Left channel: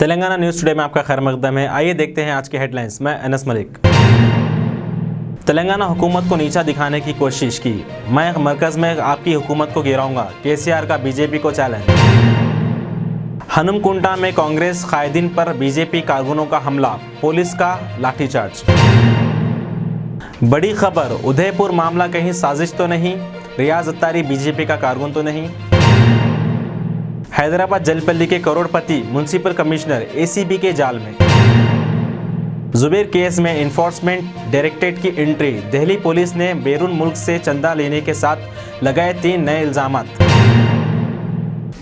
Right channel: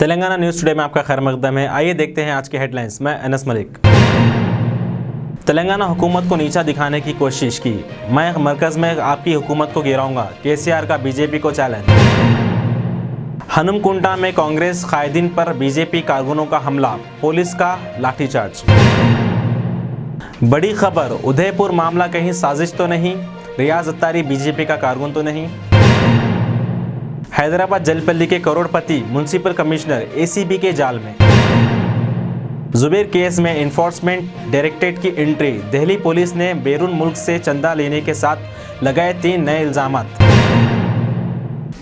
Telangana news today में आपका खैर मकदम है। आइए देखते हैं आज के हेडलाइंस। मैं अनस मलिक। तेलंगाना हुकूमत को नीचा दिखाने की कोशिश की, मैं मरकज़ में आपकी हुकूमत को गिराऊंगा, केसीआर का बीजेपी को चैलेंज। हनुमकुंटा में कांग्रेस कायदीन पर बीजेपी कारकुनों का हमला, पुलिस का लाठीचार्ज। बड़ी खबर, उदयपुर मामला कहीं साजिश तो नहीं, रियाज अत्तारी बीजेपी का कारकुन तो नहीं। हैदराबाद जलपल्ली के करोड़पति म्युनिसिपल कमिश्नर एसीबी के जाल में। जुबेर केस में इन्फोर्समेंट डायरेक्टरेट की एंट्री, दिल्ली पुलिस ने बैरून मुल्क से चंदा लेने के साथ लगाए 3 नए इल्जामात।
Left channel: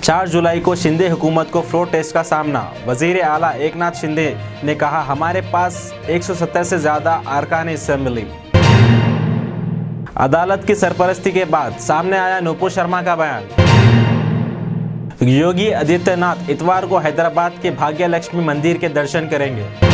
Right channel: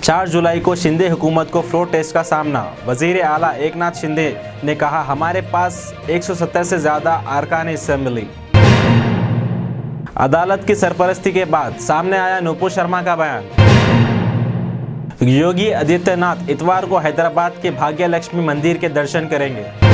4 जुलाई को शिंदे हुकूमत को फ्लोर टेस्ट का सामना, वजीर आला एकनाथ शिंदे ने कहा हमारे पास 170 से ज़्यादा अरकान असेंबली। अदालत की सरपरस्ती के बाद सामने आया नुपुर शर्मा का बयान। योगी आदित्यनाथ इतवार को हैदराबाद के भाग्य लक्ष्मी मंदिर के दर्शन करेंगे।